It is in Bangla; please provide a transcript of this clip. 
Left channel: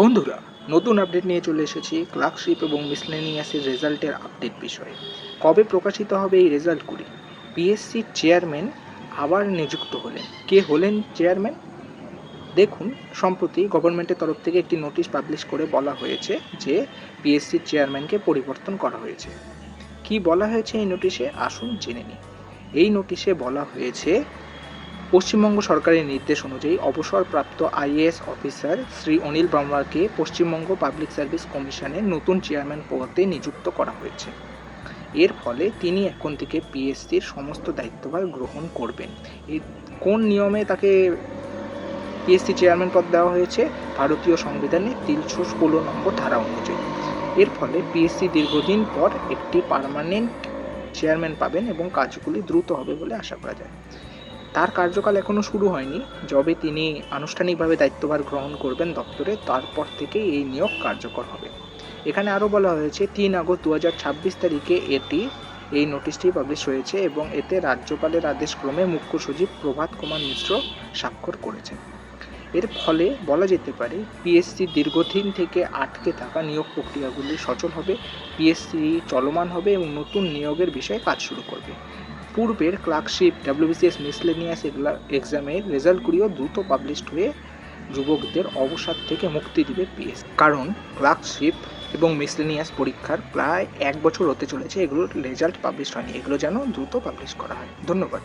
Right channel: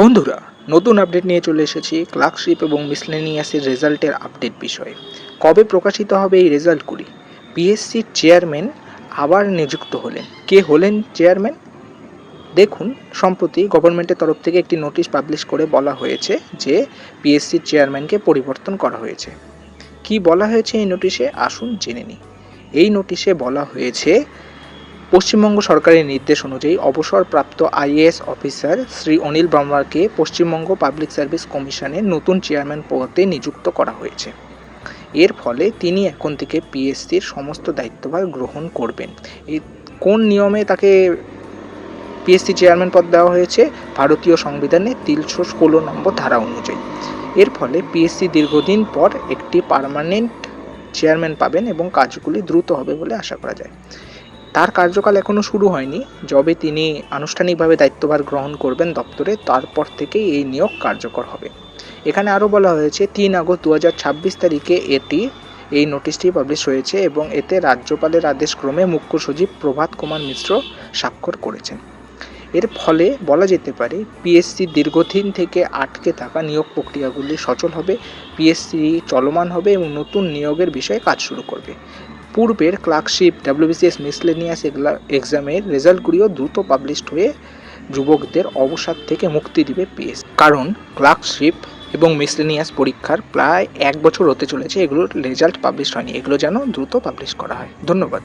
বন্ধুরা, নতুন আপডেট নিয়ে চলে এসেছি ক্লার্কশিপ এবং মিসলেনিয়াসের রেজাল্টের আপডেট বিষয়ে। কবে প্রকাশিত হবে এই রেজাল্টগুলি? পিএসসির চেয়ারম্যান আবার নিযুক্ত হলেন। কে হলেন চেয়ারম্যান? দেখুন, সম্প্রতি গভর্নমেন্টের তরফ থেকে একটি নোটিশ পাবলিশ করে বলা হয়েছে যে পিএসসির চেয়ারম্যানকে পরিবর্তন করা হয়েছে। কি বলা হয়েছে এই নোটিশে? আসুন জেনে নিই। এই নোটিশে বলা হয়েছে, পশ্চিমবঙ্গ সরকারের নির্দেশ অনুযায়ী অবসরপ্রাপ্ত আইএএস অফিসার শ্রী অনিল ব্রাহ্মণকে পশ্চিমবঙ্গ পাবলিক সার্ভিস কমিশনের নতুন চেয়ারম্যান পদে নিযুক্ত করা হয়েছে। এর ফলে তিনি এখন থেকে পিএসসির সমস্ত দায়িত্বভার গ্রহণ করবেন। এই কোন নিয়মে তাকে পিএসসি চেয়ারম্যান পদ দেওয়া হয়েছে? ভারতীয় সংবিধানের ৩১৬ নম্বর ধারা অনুযায়ী। এর ফলে পিএসসি দীর্ঘদিন পর একটি পার্মানেন্ট চেয়ারম্যান পাবেন এবং কাজগুলি দ্রুত হবে বলে আশা করা যায়। তার কার্যকাল এখনও শুরু হয়নি। যবে তিনি আনুষ্ঠানিকভাবে দায়িত্বভার গ্রহণ করবেন দপ্তরে, তারপর থেকেই এই নিয়োগ কার্যকর হবে। এখানে আরও বলা হয়েছে ৩ আগস্ট ২০২৬ তারিখে এই নোটিশটি পাবলিশ হয়েছে এবং এতে রাজ্যপালের আদেশক্রমে মুখ্য সচিব প্রভাত কুমার মিশ্র স্বাক্ষর করেছেন। এর ফলে বলা যেতে পারে পিএসসি দীর্ঘদিন থেকে আটকে থাকা নিয়োগ প্রক্রিয়াগুলি সচল হবে, পিএসসি চলমান হবে এবং নতুন নিয়োগের বিষয়ে কাজ শুরু করবে। পূর্বের ক্লার্কশিপ, ডাব্লিউবিসিএস, মিসলেনিয়াস এক্সামের রেজাল্টগুলিও দ্রুত পাবলিশড হয়ে যুবকদের অবসাদ থেকে মুক্তি দিবে পিএসসি। কারণ ক্লার্কশিপ এবং মিসলেনিয়াস পরীক্ষার প্রায় 1 বছর হতে চলেছে এগুলোর রেজাল্ট পাবলিশ হয়নি। এগুলো যেন দ্রুত পাবলিশ করা হয়। ধন্যবাদ।